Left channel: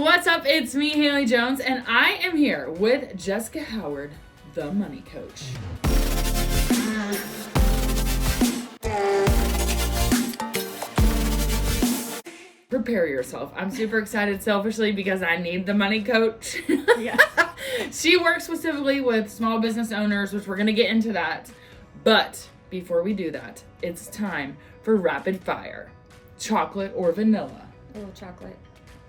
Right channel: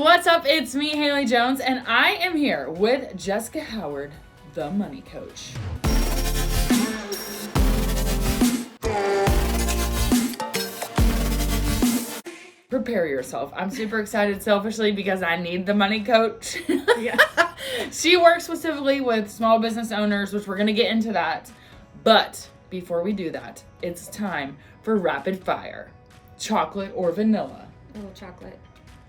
What's up? It's me, Haley Jones, and I am here with Jessica Howard, the money coach. Prepare yourself. I'm super excited selfishly because I need the money coach. Yeah. She works specifically with small business owners, which we're going to get into that. But before we do that, it's time for rapid fire. Chocolate or vanilla? Oh, chocolate.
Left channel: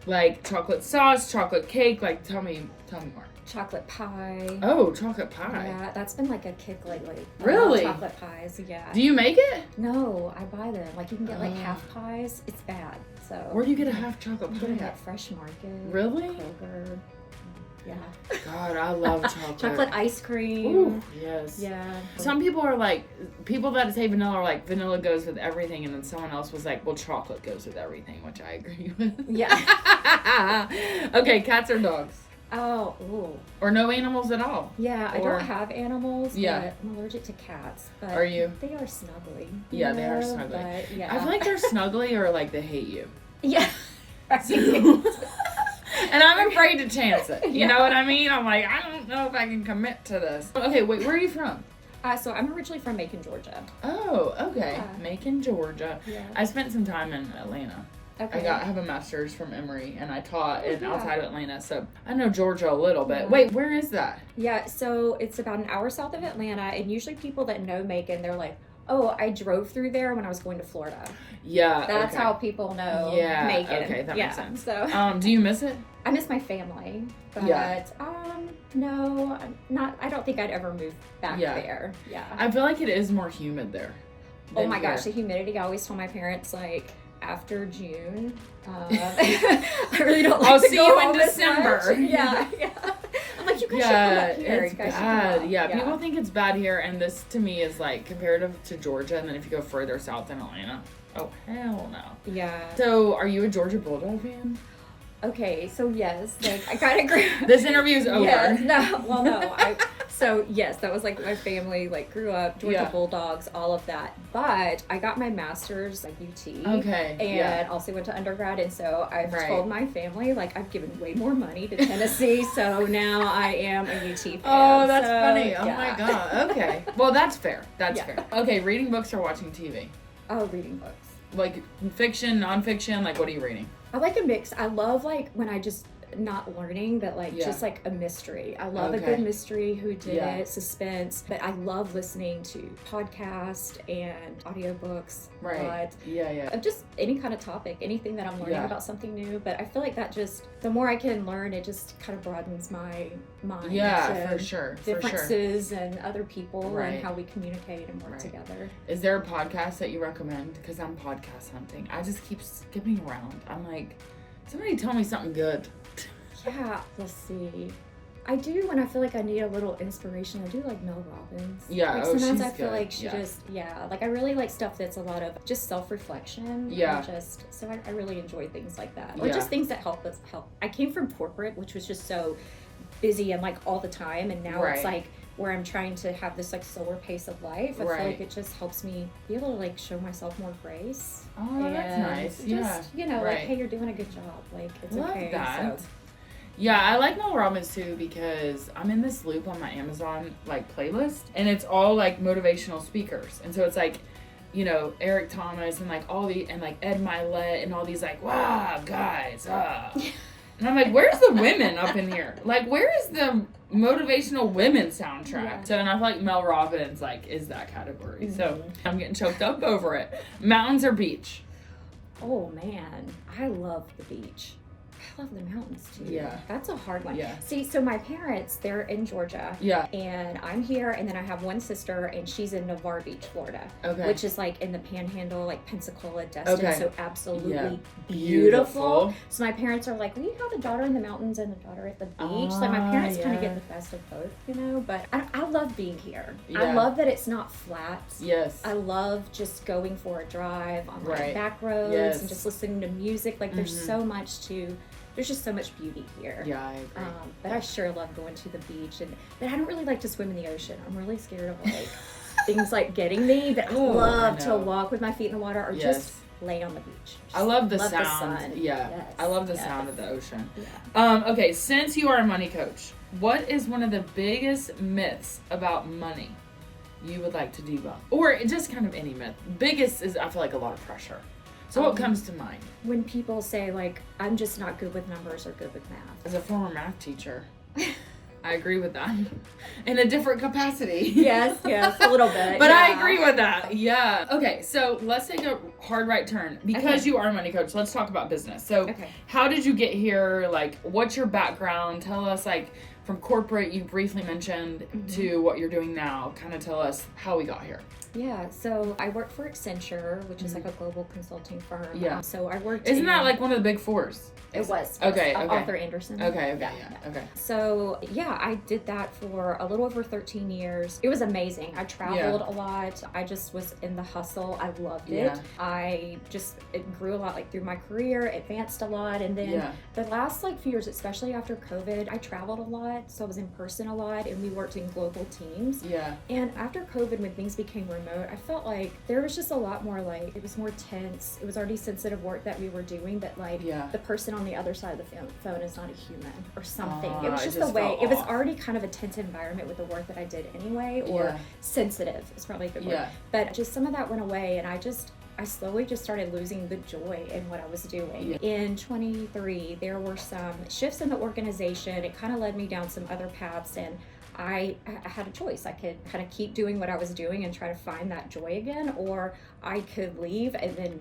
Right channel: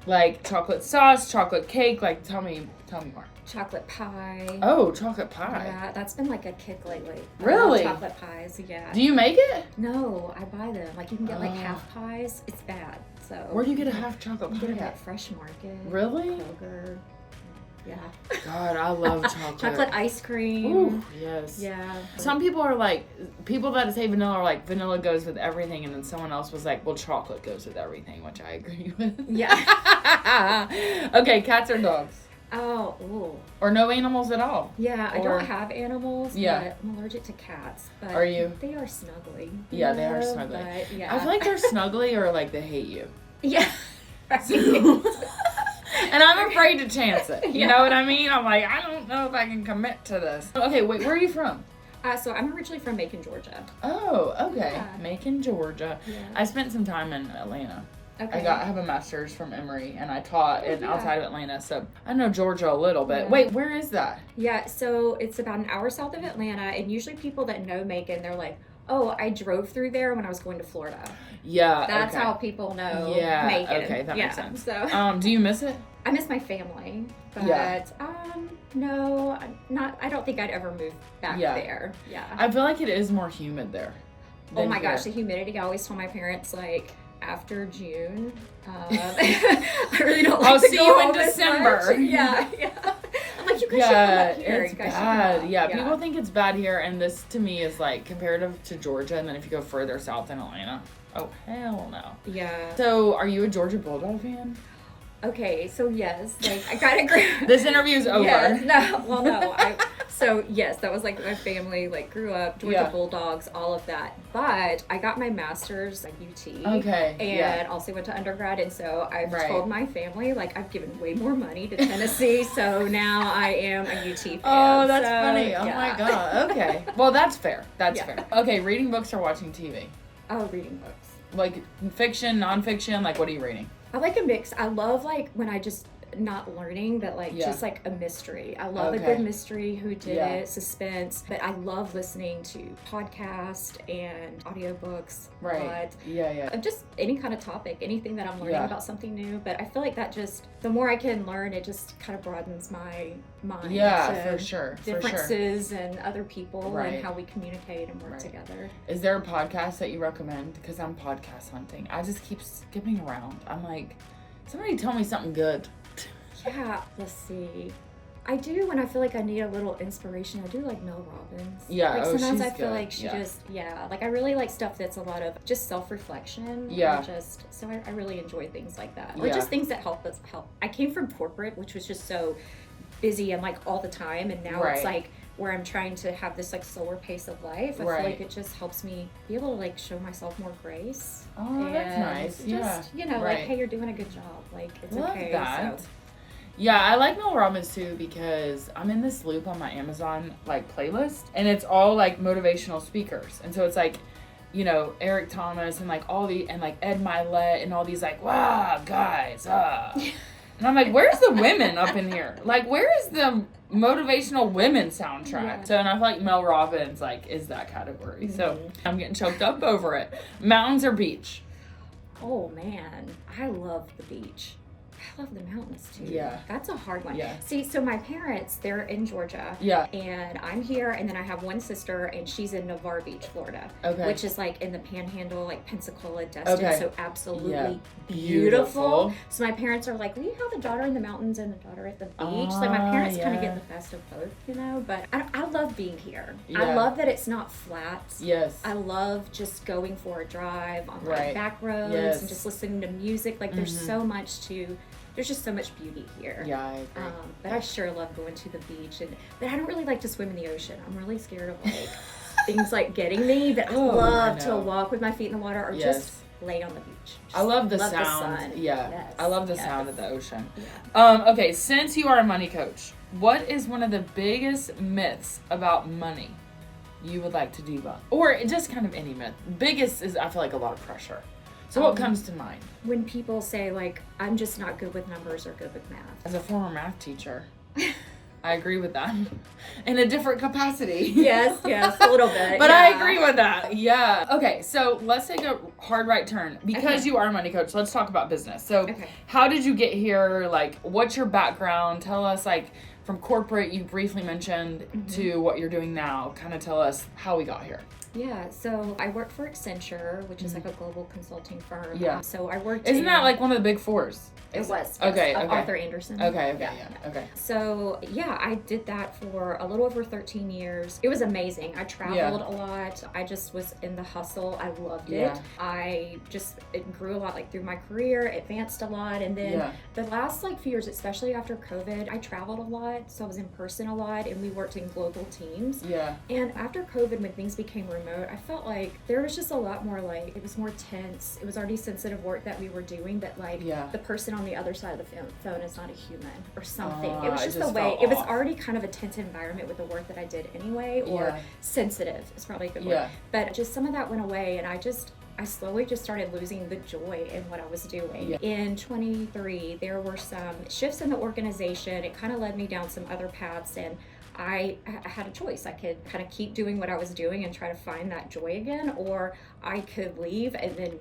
Like chocolate sauce, chocolate cake, like tell me more. Chocolate pie. Oh, chocolate pie. Yeah, that's been like a kick lately. Really? Chocolate pies, yeah. Do you make it? No, I buy them. Like you can get like half pies. It's bad. So Where do you get a half chocolate you pie? get them at Fresh Market. Really? Kroger. Yeah. God, I love chocolate. Chocolate ice cream. Ooh, yes. Yeah. Some people are like, people that say vanilla are like, vanilla goes with everything, and then someone else was like, well, chocolate goes with everything, which I agree with. Yeah. Okay, cats or dogs? Oh, ooh. Or no animals at all? Yeah, I Or- don't have animals, Yeah. but I'm allergic to cats. But Are you? They are snuggly. Yeah, they are know, snuggly. But yeah. I feel like they're snuggly or like they hate you. Yeah. And I'm afraid to chance it. You Yeah. know what I mean? I'm like, I don't know if I can commit to this. Okay, wait, where are you from? So I'm originally from Macon, Georgia. Oh, okay. Yeah. Macon, Georgia. Yeah. I spent some time in Atlanta. Okay. I have a master's from Emory, and I taught Oh, yeah. outside of Atlanta, so I know Georgia a little bit. Yeah. Wait, where is that? Yeah, so it's about an hour south of Atlanta, and usually people that know Macon, they're like, oh, I drove through there when I was going to Florida. Yeah, That's okay. how people know Yeah, Macon. okay, that makes sense. So Do you miss it? I miss my family, but Yeah. no, not. I don't think I'd ever move back Yeah. there. Yeah. I feel like it is more humid there. Oh than my gosh, the here. humidity! I always told my parents like after June, I really don't like I'll to see go you in home as December. much. Yeah, yeah. I'm like, you guys should come Yeah, up here. it's You guys should come bad. up. Yeah, people think it's bad here, and this to me is like comparative to Georgia, and then if you go further south in Atlanta, oh hell no. Yeah. So, are you a Georgia Bulldog fan? Okay, so yes, like I kind of agree. This interview is over. Yes, no, well, no. So yes, that was like my family, like grew up Georgia Yeah. Bulldogs, all of that. But I got my master's at UT. Okay. And yeah. also went to undergrad, and so I've Right. told my family like I've given way more money to Tennessee, so now I am a UT fan. Oh, that's So, funny. Oh yeah. my god. Okay. Well, that's fair. That's Yeah. fair. Okay, reading books or watching TV? Oh, reading books. Like fiction, nonfiction. Like, what are you reading? I like a mix. I love like when I just not learning, but like Yeah. just like a mystery. I love a Okay. good mystery, who did Yeah. it, suspense. But I love listening to podcasts and audiobooks. Right. But Yeah. just any kind of topic, anything that I'm learning Yeah. about something new. But I feel like that just the more I can learn, it just kind of broadens my mind. Yeah, to for sure. differences and other people Right. and how we communicate and work Right. together. Is there a podcast that you recommend? Because I'm podcast hunting. I just keep skipping around. I'm like, somebody tell me something good. Yeah, let's see. I do when I feel like I need a little inspiration. I do like Mel Robbins. Yeah, Like oh, sometimes she's I feel good. like she Yeah. just like I really like stuff that's a lot of just self-reflection. Yeah. And just so I really enjoy things like that. Or Yeah. just things that help us help. I came from corporate, which was just so busy and like all the time, and now Right. it's like where I'm trying to have this like slower pace of life. I Right. feel like it just helps me be able to like show myself more grace. Oh, that's And nice. Just, Yeah. like, Right. hey, you're doing a good job. Like it's Love okay. that. So Yeah, I like Mel Robbins too because I'm in this loop on my Amazon like playlist, and it's all like motivational speakers, and so it's like, you know, Eric Thomas and like all the and like Ed Milet and all these like wow guys, and I'm like, where's the women up in here? Like, where is the motivational women soundtrack? Yeah. So, and I feel like Mel Robbins like is that category. So Mhm. I'm getting choked up over it. Mountains or beach? Oh man, I love the beach. I love the mountains too. Yeah. That's a hard one. Yeah. See, so my parents, they're in Georgia. Yeah. And I'm here, and then I have one sister, and she's in Navarre Beach, Florida. Okay. Which is like in the Panhandle, like Pensacola, Destin. Okay. So absolutely Yeah. beautiful. Beautiful. So my parents are like, we have a daughter in the mountains and a daughter at the beach. Like my parents kind of yeah. get the best of both, you know. But I love being here. I Yeah. love that it's not flat. Yes. I love just going for a drive on Right. like back roads Yes. and just listening to music. Like there's Mhm. so much there's just so much beauty here. Yeah, I agree. But I sure love going to the beach, but I don't really like to swim in the ocean. I'm really scared of like things like getting me. But I Oh, love I to know. walk with my feet in the water, or Yes. just lay on the beach. I love the love sound. The sun. Yeah. Yes. I love the Yes. sound of the ocean. Yeah. Okay, since you are a money coach, what is one of the biggest myths about money you would like to debunk? Or just kind of any myth. Biggest is, I feel like, a lot of pressure. So what comes to mind? When people say, like, I'm just not good with numbers or good with math. As a former math teacher, I agree with that. In a different capacity. Yes, a little bit. But yeah. I agree with that. Yeah. Okay, so let's take a hard right turn. Because you are a money coach, let's talk about business. So how did you get here? Like, what's your background? Tell us, like, from corporate, you briefly mentioned, to what you're doing now. Kind of tell us how we got here. Yeah, so I worked for Accenture, which is like a global consulting firm. Yeah. So I worked Isn't that like one of the big fours? It was. Yes. Okay. Arthur Anderson. Okay. So yeah, I did that for a little over 13 years. It was amazing. I traveled a lot. I just was in the hustle. I loved it. It grew a lot, like through my career, advanced a lot. And then the last like few years, especially after COVID, I traveled a lot. So I was in person a lot and we worked in global teams. Yeah. And after COVID, when things became remote, I felt like there was just a lot more, like, it was more tense. It was already sensitive work that we were doing, that like the person on the other side of the phone is not a human or something. It was just the way, it was already kind of a tense environment with the work that I did anyway, or sensitive is probably a good word. But just some of that went away, and I slowly just started losing the joy in what I was doing. In 23, there were some shifts in the organization. It kind of led me down some other paths, and I had a choice. I could kind of keep doing what I was doing and try to find that joy again, or I could leave and then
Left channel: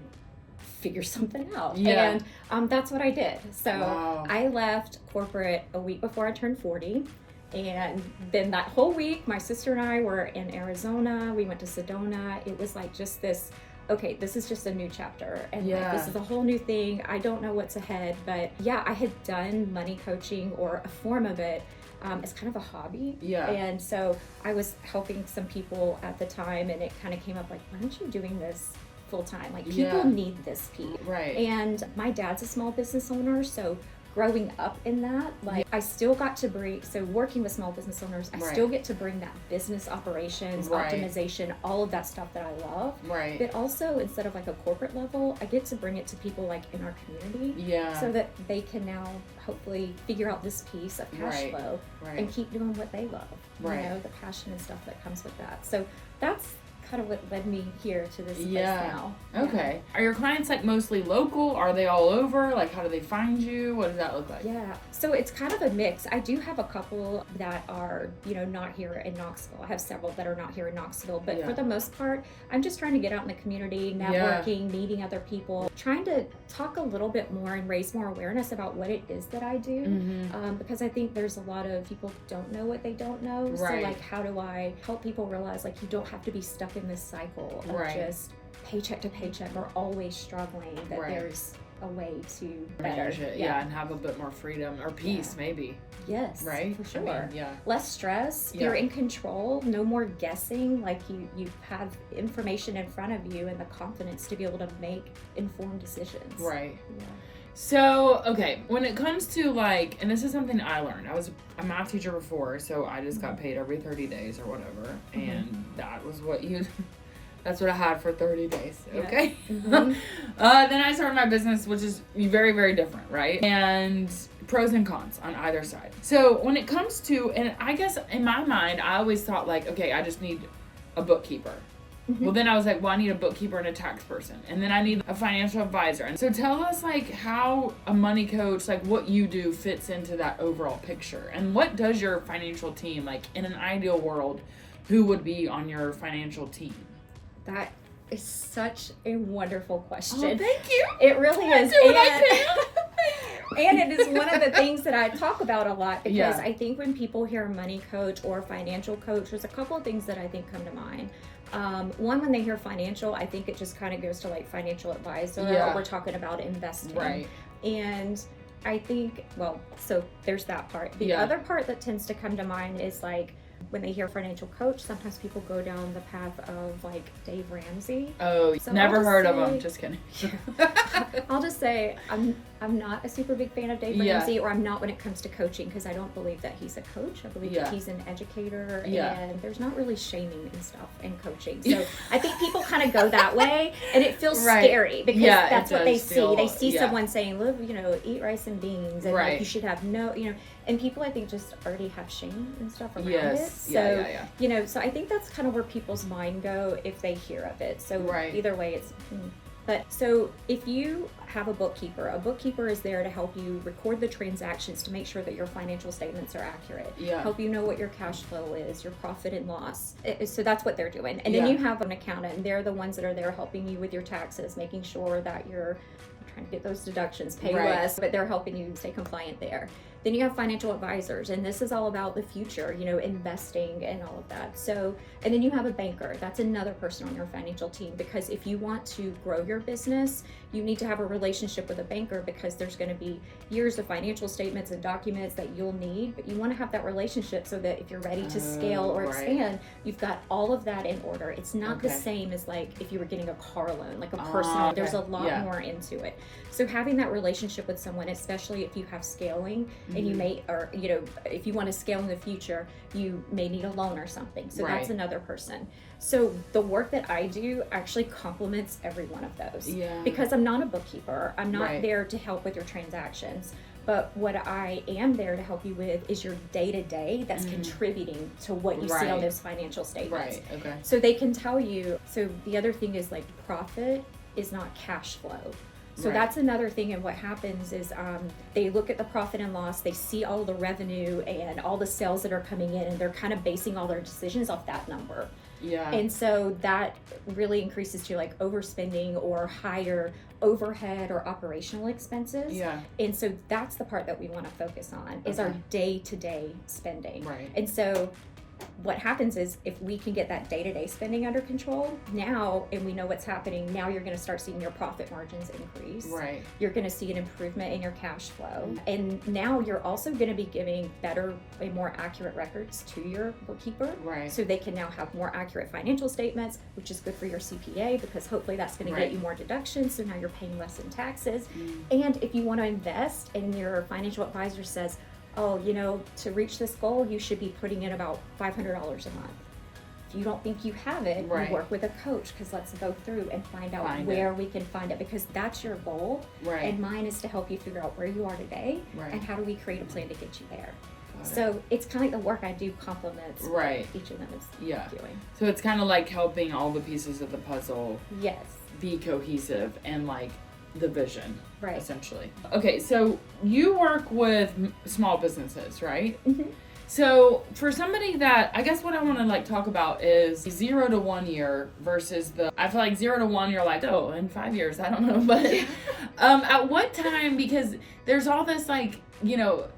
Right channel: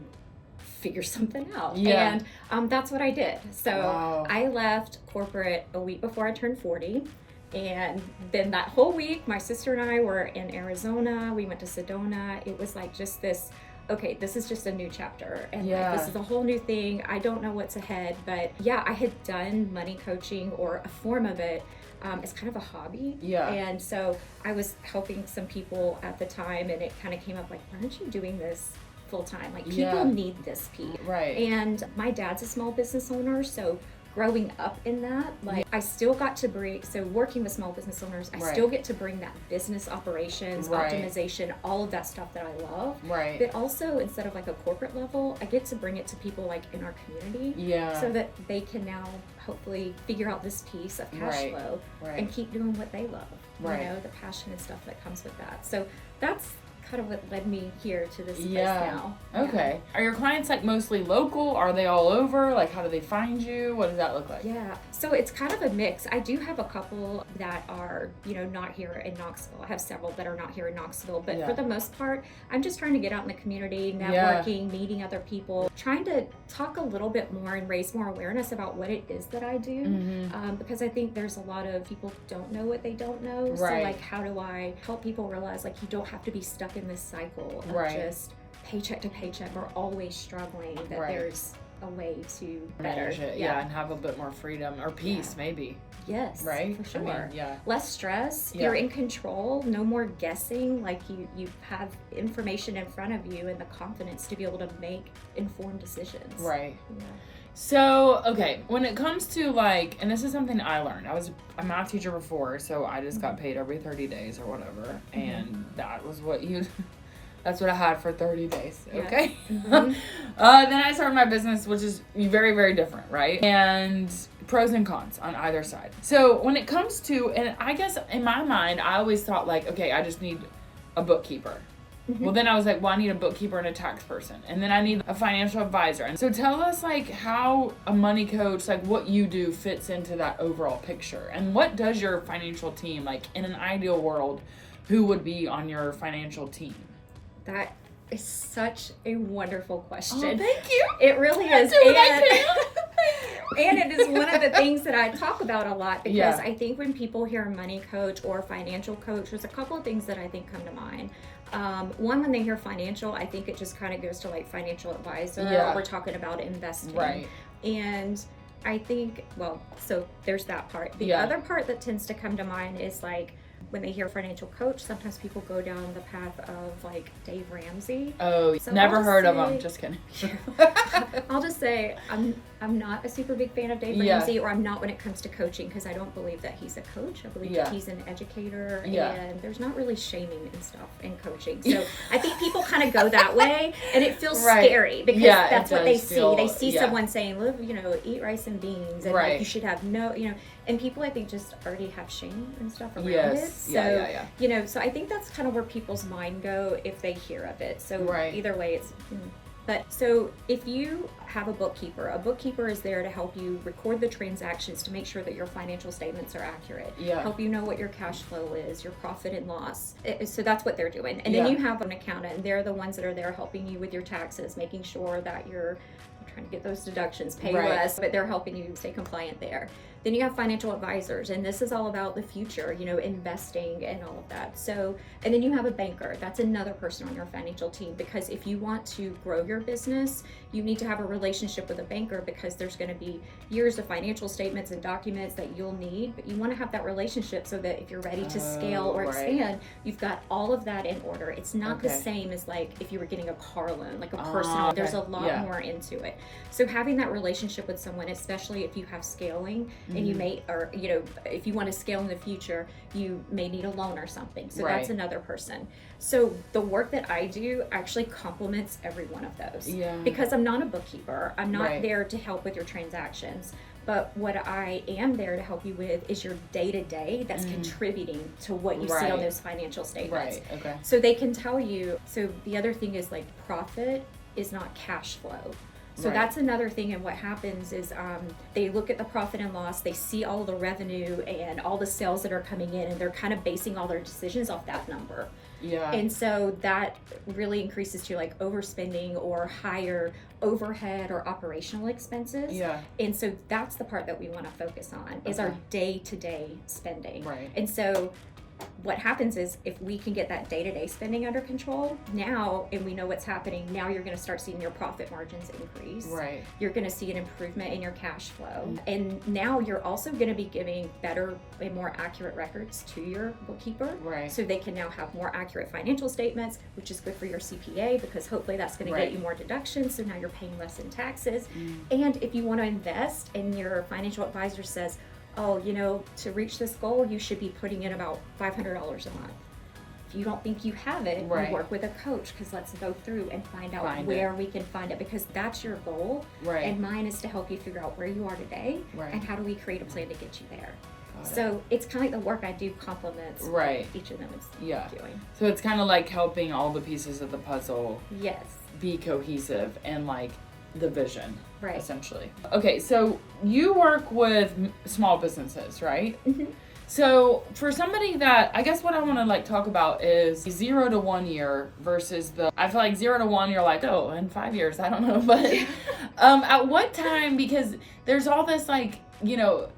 figure something out. And that's what I did. So I left corporate a week before I turned 40. And then that whole week, my sister and I were in Arizona. We went to Sedona. It was like just this, okay, this is just a new chapter. And like, this is a whole new thing. I don't know what's ahead. But yeah, I had done money coaching, or a form of it, as kind of a hobby. And so I was helping some people at the time, and it kind of came up like, why aren't you doing this full time? Like, people need this piece. And my dad's a small business owner, so growing up in that, like, I still got to bring, so working with small business owners, I still get to bring that business operations, optimization, all of that stuff that I love. But also, instead of like a corporate level, I get to bring it to people like in our community, so that they can now hopefully figure out this piece of cash flow and keep doing what they love. You know, the passion and stuff that comes with that. So that's kind of what led me here to this place now. Okay. Are your clients like mostly local? Are they all over? Like, how do they find you? What does that look like? Yeah. So it's kind of a mix. I do have a couple that are, you know, not here in Knoxville. I have several that are not here in Knoxville, but for the most part, I'm just trying to get out in the community, networking, meeting other people, trying to talk a little bit more and raise more awareness about what it is that I do. Because I think there's a lot of people who don't know what they don't know. So like, how do I help people realize, like, you don't have to be stuck in this cycle of just paycheck to paycheck or always struggling, that there's a way to better and have a bit more freedom or peace maybe. Yes, right, for sure. I mean, less stress, you're in control, no more guessing, like you have information in front of you and the confidence to be able to make informed decisions. So, okay, when it comes to like, and this is something I learned, I was a math teacher before, so I just got paid every 30 days or whatever, and that was what that's what I had for 30 days, okay? Then I started my business, which is very, very different, right? And pros and cons on either side. So when it comes to, and I guess in my mind, I always thought like, okay, I just need a bookkeeper. Well, then I was like, well, I need a bookkeeper and a tax person. And then I need a financial advisor. And so tell us like how a money coach, like what you do fits into that overall picture. And what does your financial team, like in an ideal world, who would be on your financial team? That is such a wonderful question. Oh, thank you. It really is. And it is one of the things that I talk about a lot, because I think when people hear money coach or financial coach, there's a couple of things that I think come to mind. One, when they hear financial, I think it just kind of goes to like financial advisor, or we're talking about investing. And I think, well, so there's that part. The other part that tends to come to mind is like, When they hear financial coach, sometimes people go down the path of like Dave Ramsey. Oh, so never heard of him. Just kidding. I'll just say I'm not a super big fan of Dave Ramsey, or I'm not when it comes to coaching, because I don't believe that he's a coach. I believe that he's an educator, and there's not really shaming and stuff in coaching. So I think people kind of go that way, and it feels scary because that's what they see. They see someone saying, "Live, eat rice and beans," and like you should have and people I think just already have shame and stuff around it. So so I think that's kind of where people's mind go if they hear of it. So either way, it's. But so if you have a bookkeeper is there to help you record the transactions to make sure that your financial statements are accurate, help you know what your cash flow is, your profit and loss. So that's what they're doing. And then you have an accountant, and they're the ones that are there helping you with your taxes, making sure that you're trying to get those deductions, pay less, but they're helping you stay compliant there. Then you have financial advisors, and this is all about the future, investing and all of that. So, and then you have a banker. That's another person on your financial team, because if you want to grow your business, you need to have a relationship with a banker, because there's going to be years of financial statements and documents that you'll need, but you want to have that relationship so that if you're ready to scale or expand, you've got all of that in order. It's not the same as like if you were getting a car loan, like a personal, there's a lot more into it. So having that relationship with someone, especially if you have scaling and you may, or, if you want to scale in the future, you may need a loan or something. So that's another person. So the work that I do actually complements every one of those, because I'm not a bookkeeper. I'm not there to help with your transactions. But what I am there to help you with is your day-to-day that's contributing to what you see on those financial statements. So they can tell you, so the other thing is like profit is not cash flow. So that's another thing, and what happens is they look at the profit and loss, they see all the revenue and all the sales that are coming in, and they're kind of basing all their decisions off that number. And so that really increases to like overspending or higher overhead or operational expenses. And so that's the part that we want to focus on is our day-to-day spending. And so what happens is if we can get that day-to-day spending under control now, and we know what's happening, now you're going to start seeing your profit margins increase. You're going to see an improvement in your cash flow. And now you're also going to be giving better and more accurate records to your bookkeeper. So they can now have more accurate financial statements, which is good for your CPA, because hopefully that's going to get you more deductions. So now you're paying less in taxes. And if you want to invest and your financial advisor says, oh, to reach this goal, you should be putting in about $500 a month. If you don't think you have it, you work with a coach, because let's go through and find out where we can find it, because that's your goal. And mine is to help you figure out where you are today and how do we create a plan to get you there. So it's kind of like the work I do complements what each of them is doing. So it's kind of like helping all the pieces of the puzzle be cohesive and like the vision, essentially. Okay, so you work with small businesses, right? So for somebody that, I guess what I want to like talk about is 0 to 1 year versus I feel like 0 to 1, you're like, oh, in 5 years, I don't know, but at what time, because there's all this like,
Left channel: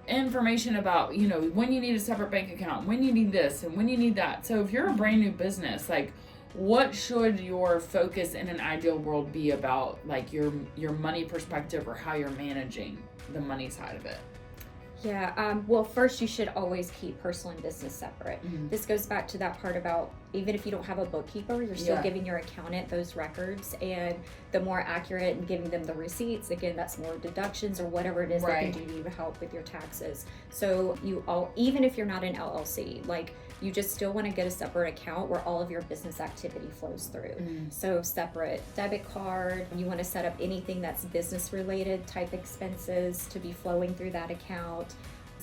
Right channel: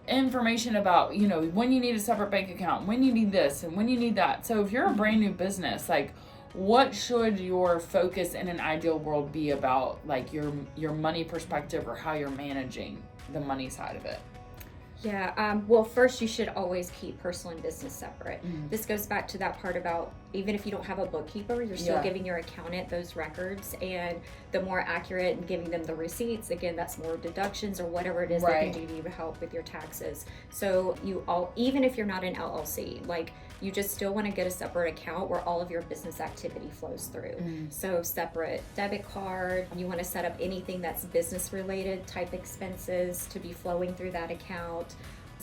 information about, when you need a separate bank account, when you need this and when you need that. So if you're a brand new business, like, what should your focus in an ideal world be about, like your money perspective, or how you're managing the money side of it? Well, first you should always keep personal and business separate. This goes back to that part about even if you don't have a bookkeeper, you're still giving your accountant those records, and the more accurate and giving them the receipts, again, that's more deductions or whatever it is they can do to help with your taxes. So even if you're not an LLC, like you just still want to get a separate account where all of your business activity flows through. So separate debit card, you want to set up anything that's business related type expenses to be flowing through that account.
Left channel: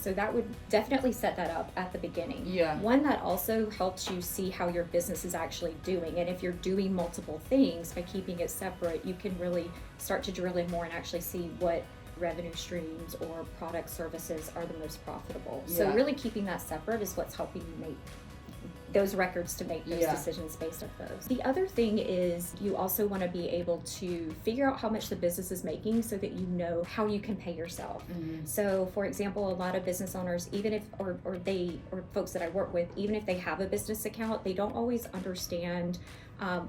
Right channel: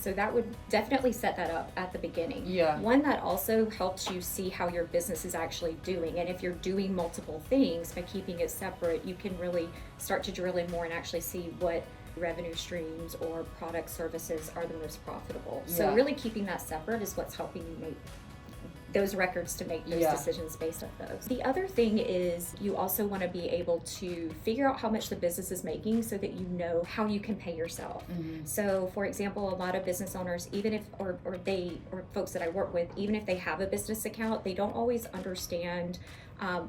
So that would definitely set that up at the beginning. One that also helps you see how your business is actually doing. And if you're doing multiple things, by keeping it separate, you can really start to drill in more and actually see what revenue streams or product services are the most profitable. So really keeping that separate is what's helping you make those records to make those decisions based off those. The other thing is you also want to be able to figure out how much the business is making so that you know how you can pay yourself. So for example, a lot of business owners, even if or folks that I work with, even if they have a business account, they don't always understand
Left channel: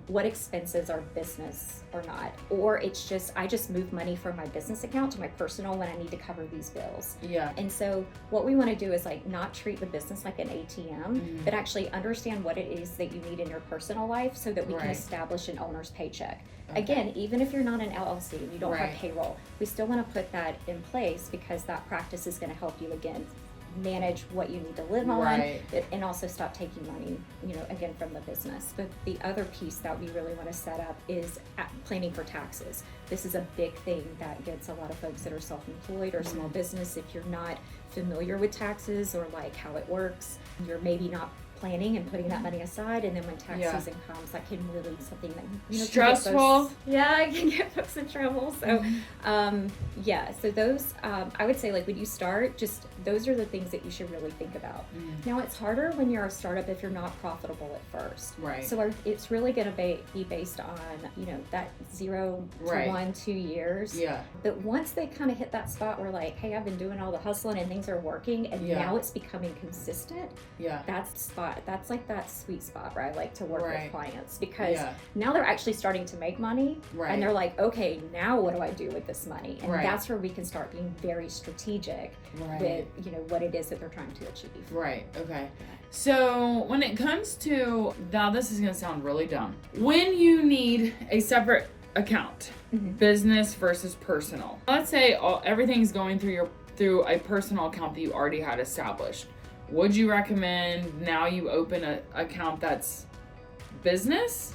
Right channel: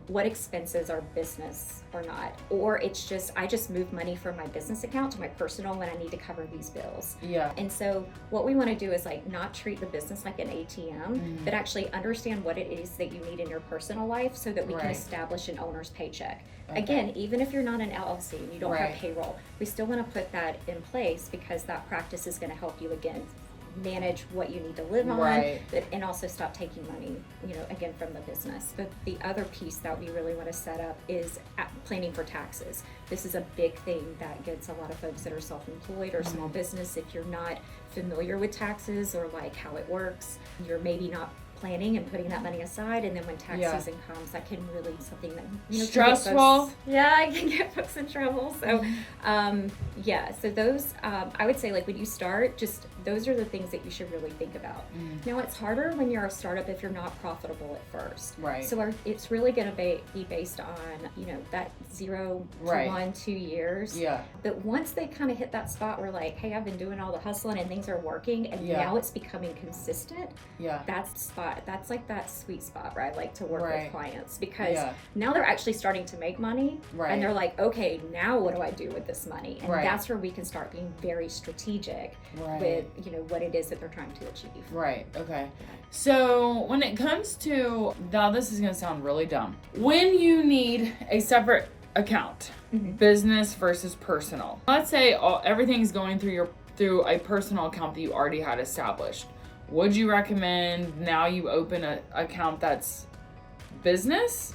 what expenses are business or not, or it's just I just move money from my business account to my personal when I need to cover these bills. Yeah. And so what we want to do is like not treat the business like an ATM, but actually understand what it is that you need in your personal life so that we can establish an owner's paycheck. Again, even if you're not an LLC and you don't have payroll, we still want to put that in place because that practice is going to help you again manage what you need to live on, and also stop taking money, again, from the business. But the other piece that we really want to set up is planning for taxes. This is a big thing that gets a lot of folks that are self-employed or small business. If you're not familiar with taxes or like how it works, you're maybe not planning and putting that money aside, and then when tax season comes, that can really be something that stressful. It can get folks in trouble. So so those I would say, like, when you start, just those are the things that you should really think about. Now it's harder when you're a startup if you're not profitable at first, so it's really going to be based on that 0 to 1 2 years. But once they kind of hit that spot where like, hey, I've been doing all the hustling and things are working, and now it's becoming consistent, that's the spot. That's like that sweet spot where I like to work with clients, because now they're actually starting to make money, and they're like, okay, now what do I do with this money? And that's where we can start being very strategic with what it is that they're trying to achieve. Okay. So when it comes to, now this is going to sound really dumb, when you need a separate account, business versus personal, let's say everything's going through a personal account that you already had established, would you recommend now you open an account that's business,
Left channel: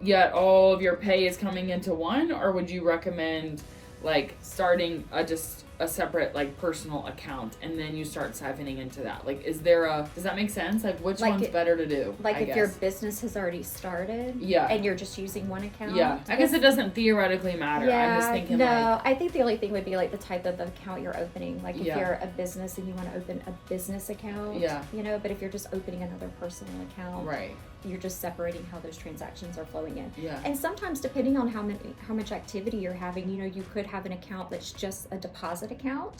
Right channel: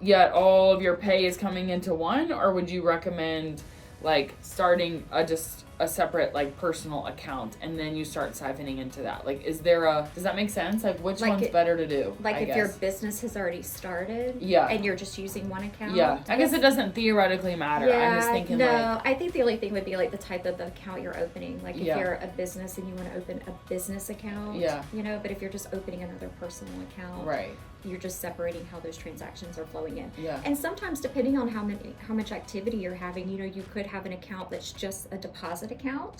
yet all of your pay is coming into one? Or would you recommend like starting just a separate like personal account and then you start siphoning into that? Like, does that make sense? Like, which one's better to do? Like, if your business has already started and you're just using one account? I guess it doesn't theoretically matter. I'm just thinking I think the only thing would be like the type of account you're opening. Like, if you're a business and you want to open a business account, but if you're just opening another personal account, you're just separating how those transactions are flowing in. And sometimes, depending on how much activity you're having, you could have an account that's just a deposit account.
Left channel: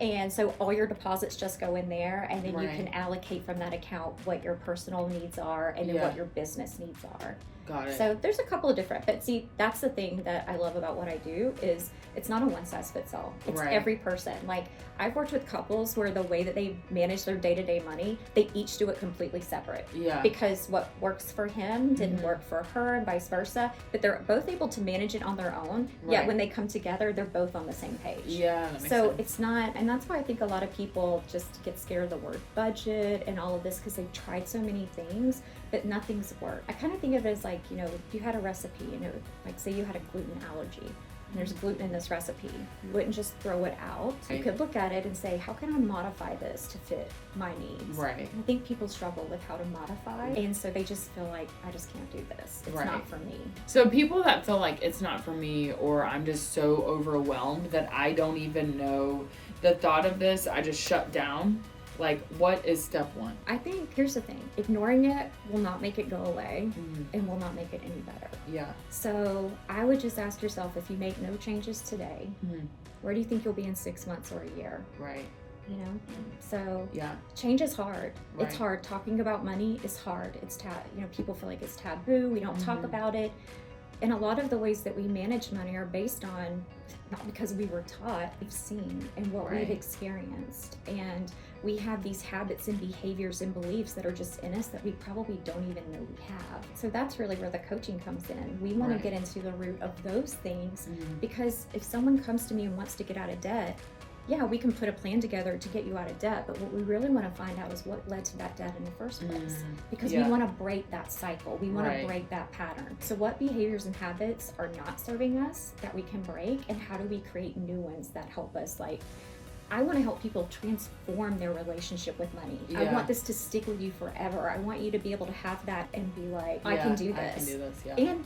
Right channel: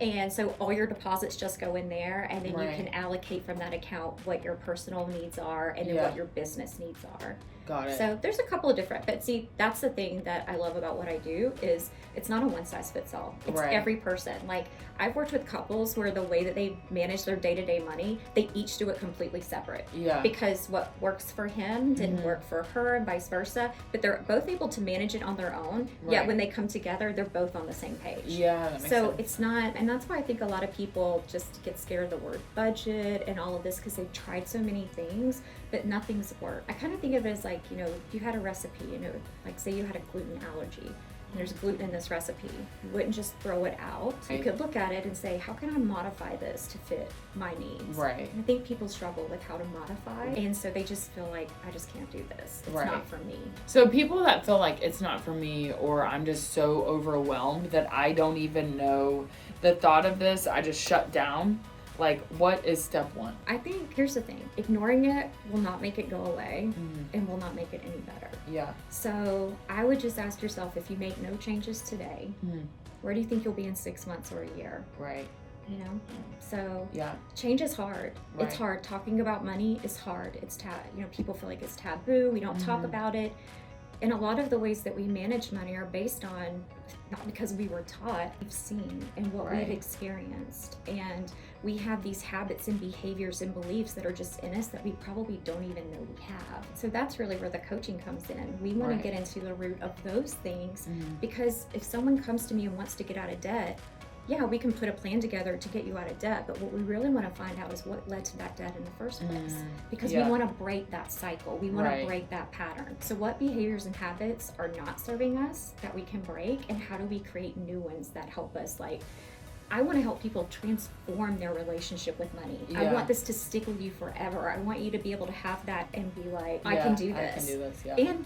And so all your deposits just go in there, and then you can allocate from that account what your personal needs are and then what your business needs are. Got it. So there's a couple of different, but see, that's the thing that I love about what I do is it's not a one size fits all. It's every person. Like, I've worked with couples where the way that they manage their day-to-day money, they each do it completely separate. Because what works for him didn't work for her, and vice versa. But they're both able to manage it on their own. Yet when they come together, they're both on the same page. That makes so sense. It's not, and that's why I think a lot of people just get scared of the word budget and all of this, because they've tried so many things, but nothing's worked. I kind of think of it as like, if you had a recipe, like say you had a gluten allergy, and there's gluten in this recipe, you wouldn't just throw it out. You could look at it and say, how can I modify this to fit my needs? And I think people struggle with how to modify, and so they just feel like, I just can't do this. It's not for me. So people that feel like it's not for me, or I'm just so overwhelmed that I don't even know the thought of this, I just shut down. Like, what is step one? I think, here's the thing, ignoring it will not make it go away and will not make it any better. So I would just ask yourself, if you make no changes today, where do you think you'll be in 6 months or a year? So change is hard. It's hard. Talking about money is hard. It's people feel like it's taboo. We don't talk about it. And a lot of the ways that we manage money are based on, not because we were taught, we've seen and what we've experienced. And we have these habits and behaviors and beliefs that are just in us that we probably don't even know we have. So that's really where the coaching comes in. We want to get into the root of those things, because if someone comes to me and wants to get out of debt, we can put a plan together to get you out of debt, but what we really want to find out is what led to that debt in the first place, because we want to break that cycle. We want to break that pattern. So what behaviors and habits are not serving us that we can break, and how do we create new ones that help us? Like, I want to help people transform their relationship with money. I want this to stick with you forever. I want you to be able to have that and be like, I can do this. I can do this, And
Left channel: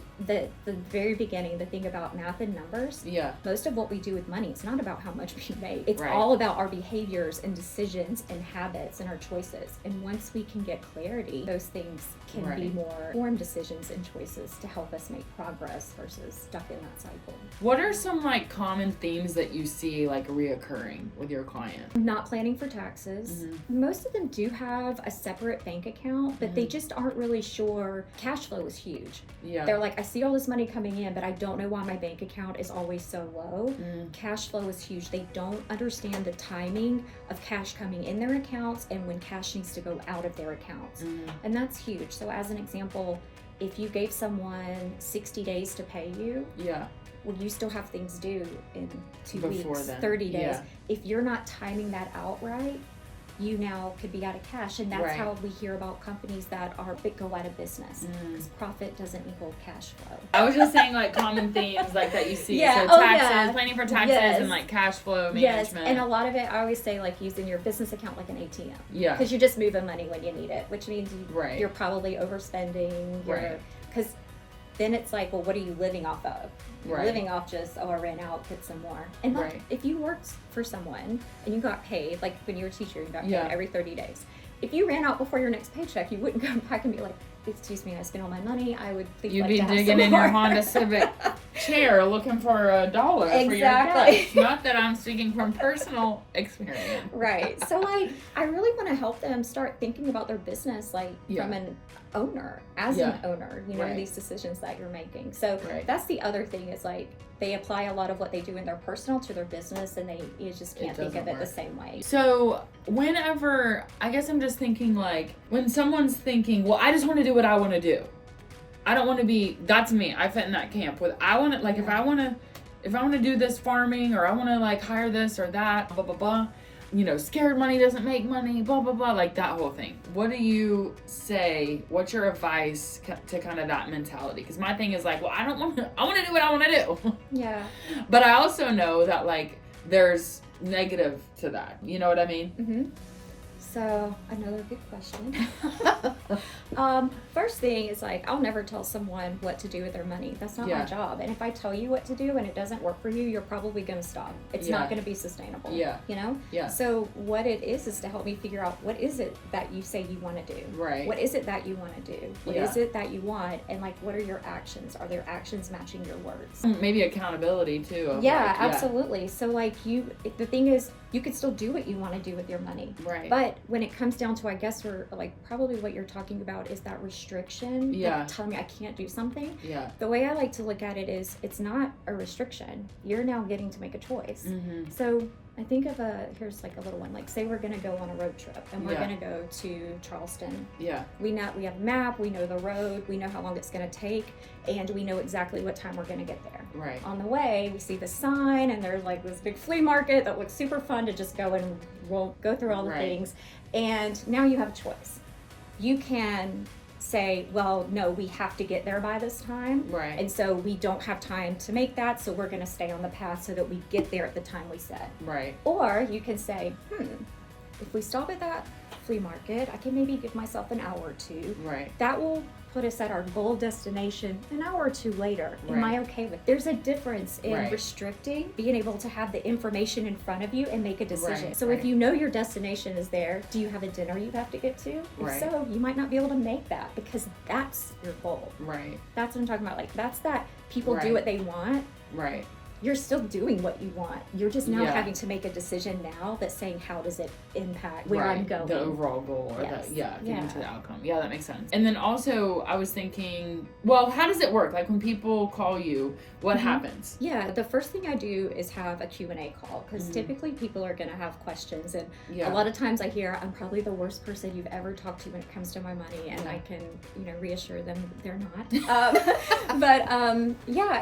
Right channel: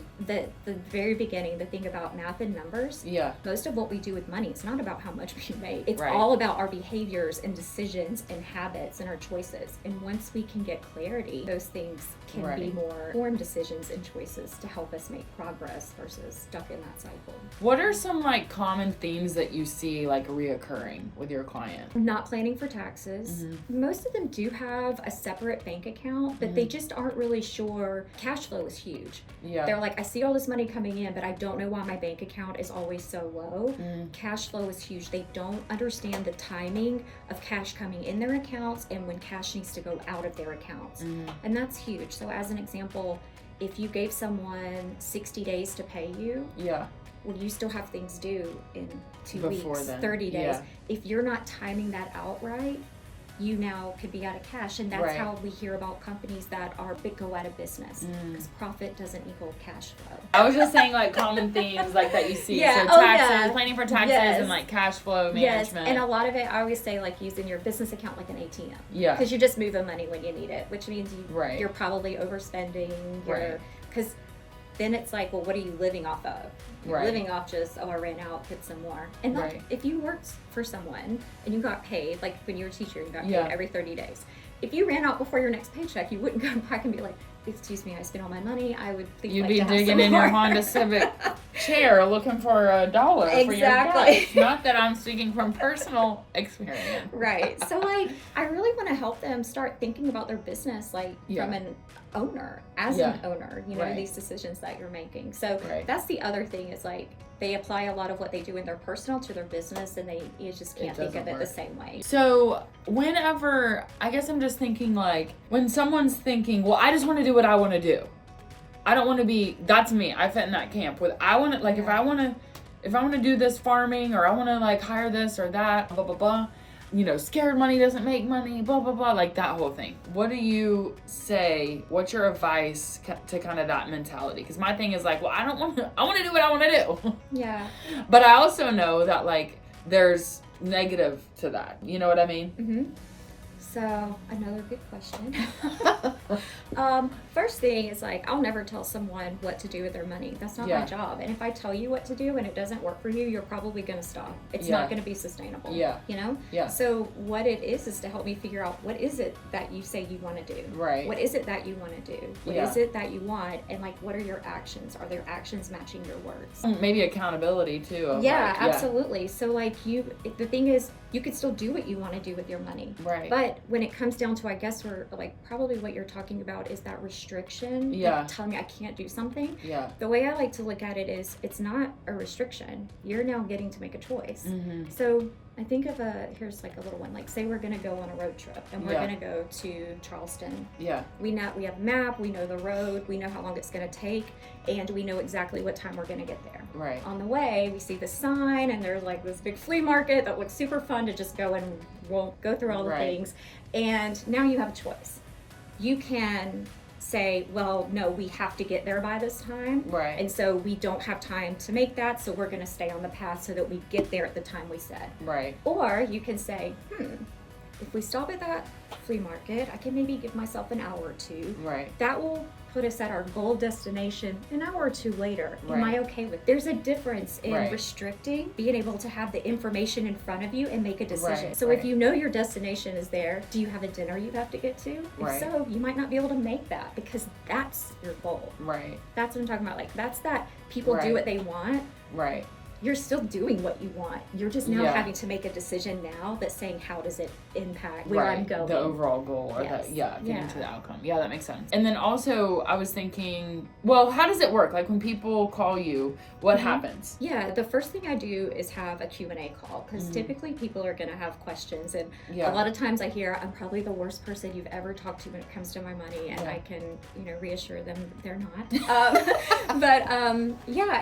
the very beginning, the thing about math and numbers, most of what we do with money, it's not about how much we make. It's all about our behaviors and decisions and habits and our choices. And once we can get clarity, those things can be more informed decisions and choices to help us make progress versus stuck in that cycle. What are some like common themes that you see like reoccurring with your your client? Not planning for taxes. Most of them do have a separate bank account, but they just aren't really sure. Cash flow is huge. They're like, I see all this money coming in, but I don't know why my bank account is always so low. Cash flow is huge. They don't understand the timing of cash coming in their accounts and when cash needs to go out of their accounts. And that's huge. So as an example, if you gave someone 60 days to pay you, well, you still have things due in 2 weeks, then. 30 days. If you're not timing that out right, you now could be out of cash. And that's how we hear about companies that go out of business, because profit doesn't equal cash flow. I was just saying, like, common themes like that you see. So taxes, planning for taxes, and like cash flow management. And a lot of it, I always say, like, using your business account like an ATM. Because you're just moving money when you need it, which means you're probably overspending. Because then it's like, well, what are you living off of? You're living off just, I ran out, put some more. And like, if you worked for someone and you got paid, like when you were a teacher, you got paid every 30 days. If you ran out before your next paycheck, you wouldn't go back and be like, excuse me, I spent all my money. I would think you'd be digging in your Honda Civic chair looking for $1 for your gas. Not that I'm speaking from personal experience. So like, I really want to help them start thinking about their business like from an owner, as an owner, you know, these decisions that you're making. So that's the other thing is like, they apply a lot of what they do in their personal to their business, and you just can't think of it the same way. So whenever, I guess I'm just thinking like, when someone's thinking, well, I just want to do what I want to do. I don't want to be, that's me. I fit in that camp with, I want to, like, if I want to do this farming, or I want to like hire this or that, blah, blah, blah, you know, scared money doesn't make money, blah, blah, blah, like that whole thing. What do you say? What's your advice to kind of that mentality? Because my thing is like, well, I want to do what I want to do. But I also know that like there's negative to that. You know what I mean? So another good question. First thing is like, I'll never tell someone what to do with their money. That's not my job. And if I tell you what to do and it doesn't work for you, you're probably going to stop. It's not going to be sustainable. You know? So what it is to help me figure out, what is it that you say you want to do? What is it that you want to do? What is it that you want? And like, what are your actions? Are their actions matching your words? Maybe accountability too. Absolutely. So like the thing is, you could still do what you want to do with your money. But when it comes down to, I guess, we're like, probably what you're talking about is that restriction. Like telling me I can't do something. The way I like to look at it is, it's not a restriction. You're now getting to make a choice. So I think of here's like a little one, like say we're going to go on a road trip and we're going to go to Charleston. We have a map, we know the road, we know how long it's going to take, and we know exactly what time we're going to get there. On the way, we see the sign and there's like this big flea market that looks super fun to just go and won't go through all the things. And now you have a choice. You can say, well, no, we have to get there by this time. And so we don't have time to make that, so we're going to stay on the path so that we get there at the time we said. Or you can say, if we stop at that flea market, I can maybe give myself an hour or two. That will put us at our goal destination an hour or two later. Am I okay with? There's a difference in restricting, being able to have the information in front of you and make a decision. So if you know your destination is there, do you have a dinner you have to get to? If so, you might not be able to make that because that's your goal. That's what I'm talking about. Like, that's that people do what they want. You're still doing what you want. You're just now having to make a decision now that's saying, how does it impact where I'm going? The overall goal. Or getting to the outcome. Yeah, that makes sense. And then also, I was thinking, well, how does it work? Like when people call you, what happens? The first thing I do is have a Q&A call, because typically people are going to have questions. And a lot of times I hear, I'm probably the worst person you've ever talked to when it comes to my money. And I can, reassure them they're not. But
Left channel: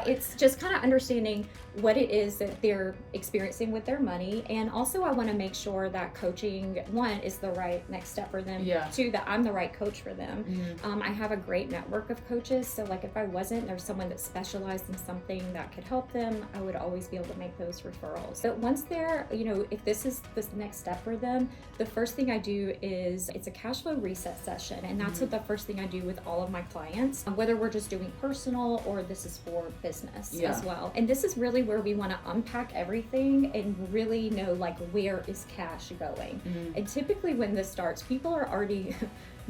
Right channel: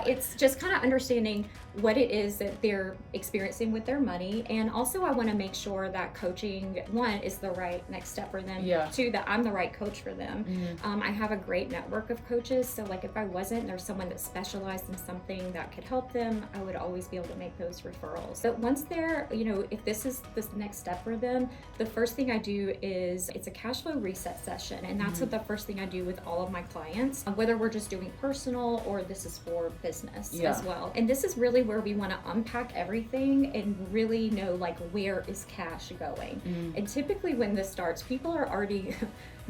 it's just kind of understanding what it is that they're experiencing with their money. And also I want to make sure that coaching, one, is the right next step for them. Two, that I'm the right coach for them. I have a great network of coaches. So like if I wasn't, there's someone that specialized in something that could help them, I would always be able to make those referrals. But once they're, if this is the next step for them, the first thing I do is, it's a cash flow reset session. And that's what the first thing I do with all of my clients, whether we're just doing personal or this is for business as well. And this is really where we want to unpack everything and really know, like, where is cash going. And typically when this starts, people are already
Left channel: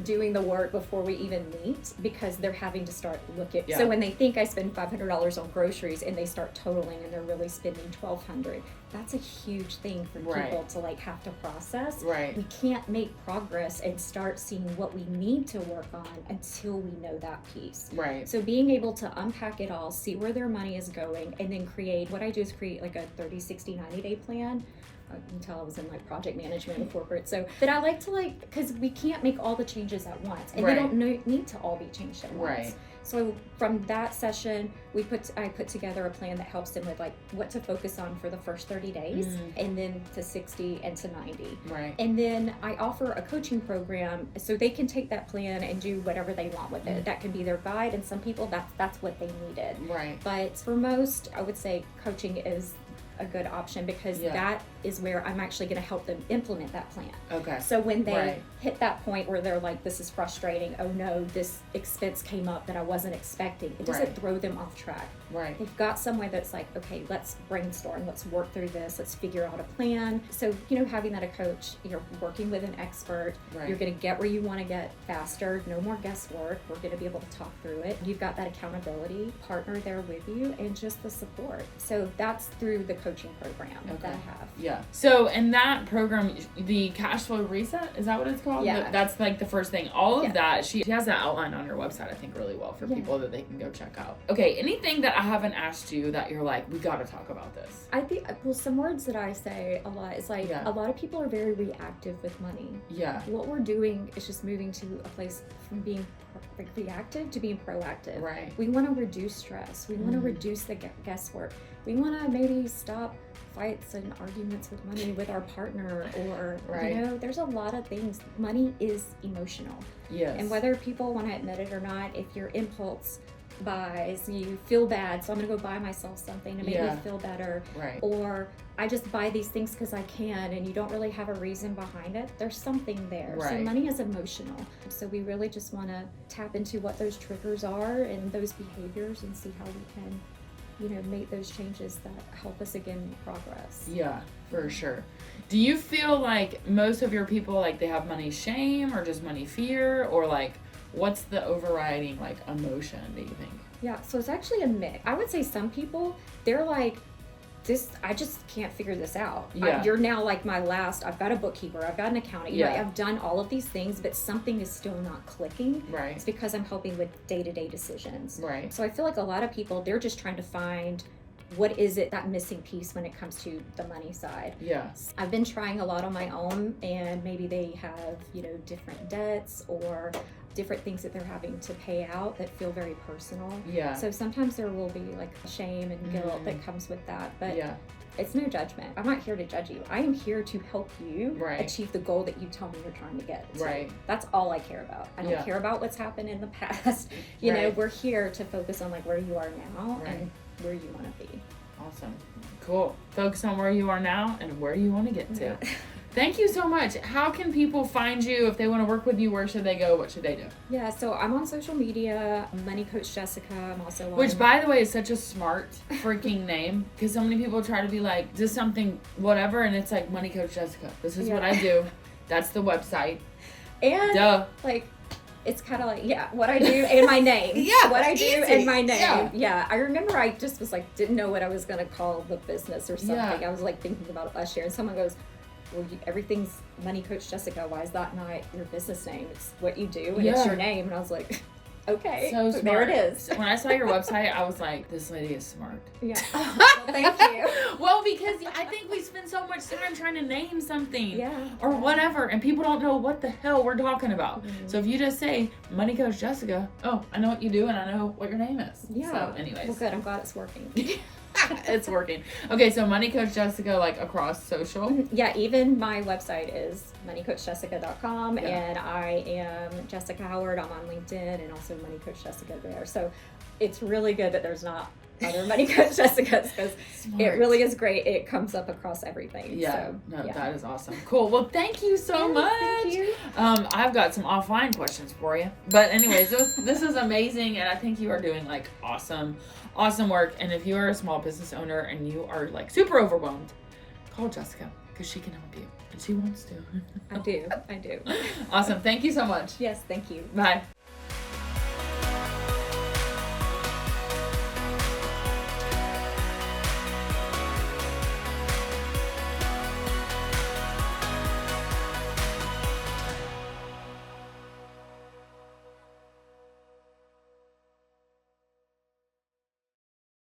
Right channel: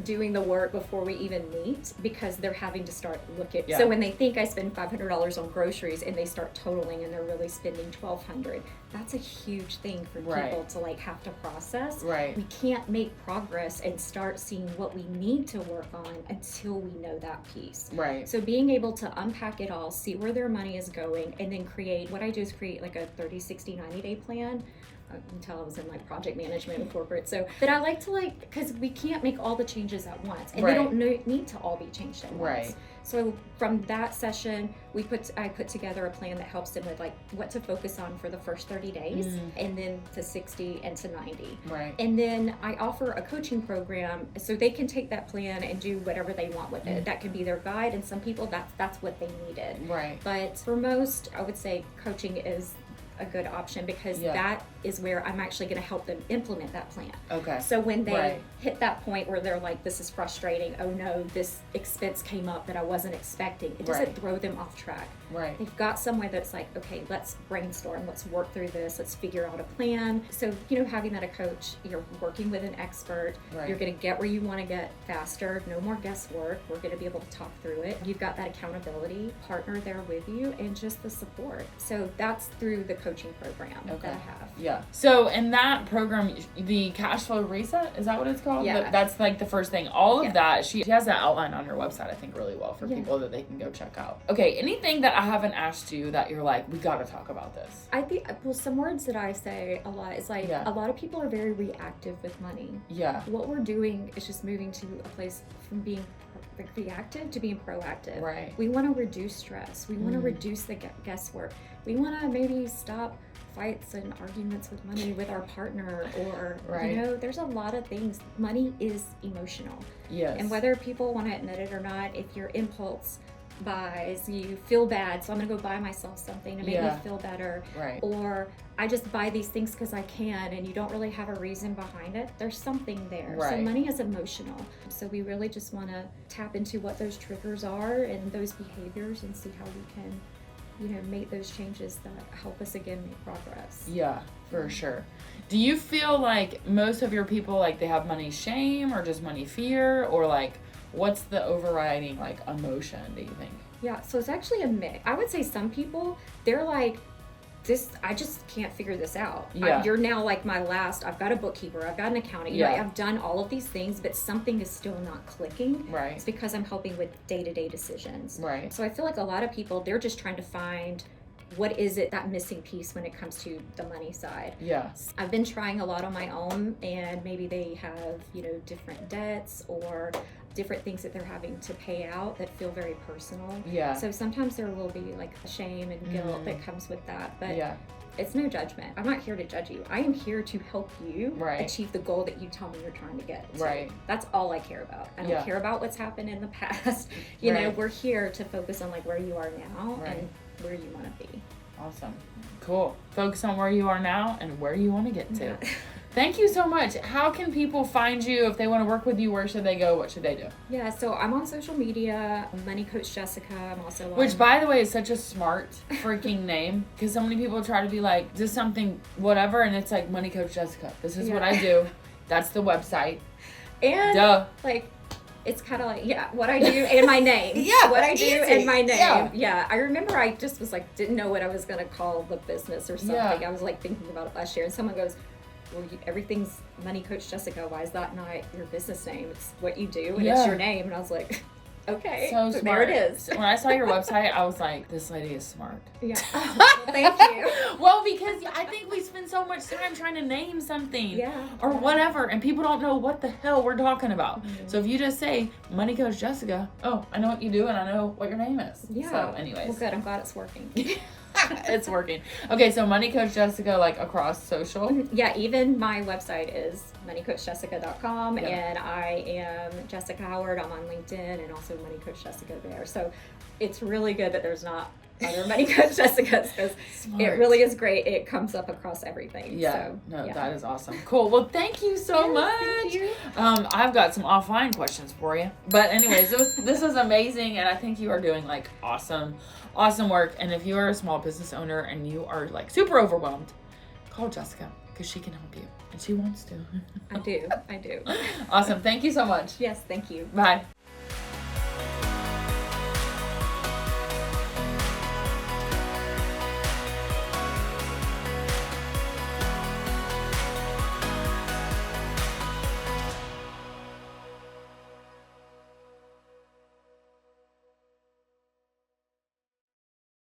doing the work before we even meet, because they're having to start looking. Yeah. So when they think I spend $500 on groceries and they start totaling and they're really spending $1,200, that's a huge thing for people to like have to process. Right. We can't make progress and start seeing what we need to work on until we know that piece. Right. So being able to unpack it all, see where their money is going, and then what I do is create like a 30, 60, 90-day plan. Until I was in like project management and corporate. So, but I like to because we can't make all the changes at once, and they don't need to all be changed at once. Right. So from that session, I put together a plan that helps them with like what to focus on for the first 30 days, and then to 60 and to 90. Right. And then I offer a coaching program so they can take that plan and do whatever they want with it. That can be their guide, and some people that's what they needed. Right. But for most, I would say coaching is a good option, because that is where I'm actually going to help them implement that plan. Okay. So when they hit that point where they're like, this is frustrating, oh no, this expense came up that I wasn't expecting, it doesn't throw them off track. Right. They've got somewhere that's like, okay, let's brainstorm, let's work through this, let's figure out a plan. So, having that a coach, you're working with an expert, you're going to get where you want to get faster, no more guesswork, we're going to be able to talk through it. You've got that accountability partner there with you, and just the support. So that's through the coaching program that I have. Yeah. So in that program, the cash flow reset, is that what it's called? Yeah. That's like the first thing. All of that, she has that outlined on her website, I think, really well for people that they can go check out. Okay, anything that I haven't asked you that you're like, we got to talk about this? I think, some words that I say a lot is like, a lot of people are very reactive with money. Yeah. What we're doing is just moving to a place from being reactive to being proactive. Right. We want to reduce stress. We want to reduce the guesswork. We want to maybe stop fights and arguments with money with our partner, or there's a lot of things. Money is emotional. Yes. And whether people want to admit it or not, if your impulse buys, you feel bad, so I'm gonna go buy myself something to make me feel better, or I just buy these things because I can, and you don't really have a reason behind it, there's something there. So money is emotional, so we really just want to tap into what those triggers are and those behaviors, and see how we can make those changes that help us again make progress. Yeah, for sure. Do you feel like most of your people, like, they have money shame or just money fear, or like what's the overriding like emotion, do you think? Yeah, so it's actually a mix. I would say some people, they're like, I just can't figure this out. You're now like I've got a bookkeeper, I've got an accountant, I've done all of these things, but something is still not clicking. Right. It's because I'm helping with day-to-day decisions. Right. So I feel like a lot of people, they're just trying to find what is it, that missing piece when it comes to the money side. Yeah. I've been trying a lot on my own, and maybe they have, different debts or different things that they're having to pay out that feel very personal. Yeah. So sometimes there will be like shame and guilt that comes with that, but it's no judgment. I'm not here to judge you. I am here to help you achieve the goal that you tell me you're trying to get. So that's all I care about. I don't care about what's happened in the past. We're here to focus on like where you are now and where you want to be. Awesome. Cool. Focus on where you are now and where you want to get to. Thank you so much. How can people find you if they want to work with you? Where should they go? What should they do? Yeah, so I'm on social media, Money Coach Jessica. I'm also on... Which, by the way, is such a smart freaking name, because so many people try to be like, just something, whatever, and it's like, Money Coach Jessica. This is what I do. That's the website. And, like, it's kind of like, what I do and my name. What I do and my name. I remember I just was like, didn't know what I was going to call the business or something. I was like thinking about it last year, and someone goes, well, everything's Money Coach Jessica. Why is that not your business name? It's what you do, and it's your name. And I was like, okay, so there it is. When I saw your website, I was like, this lady is smart. Yeah. Well, thank you. Well, because I think we spend so much time trying to name something or whatever, and people don't know what the hell we're talking about. So if you just say Money Coach Jessica, oh, I know what you do and I know what your name is. Yeah. So anyways. Well, good. I'm glad it's working. It's working. Okay, so Money Coach Jessica, like, across social? Yeah, even my website is moneycoachjessica.com, and I am Jessica Howard. I'm on LinkedIn, and also Money Coach Jessica there. So it's really good that there's not other Money Coach Jessicas, because it really is great. It comes up across everything. That is awesome. Cool. Well, thank you so much. Thank you. I've got some offline questions for you. But anyways, this is amazing, and I think you are doing, like, awesome work. And if you are a small business owner and you are, like, super overwhelmed, call Jessica, because she can help you. She wants to. I do. Awesome. Thank you so much. Yes, thank you. Bye.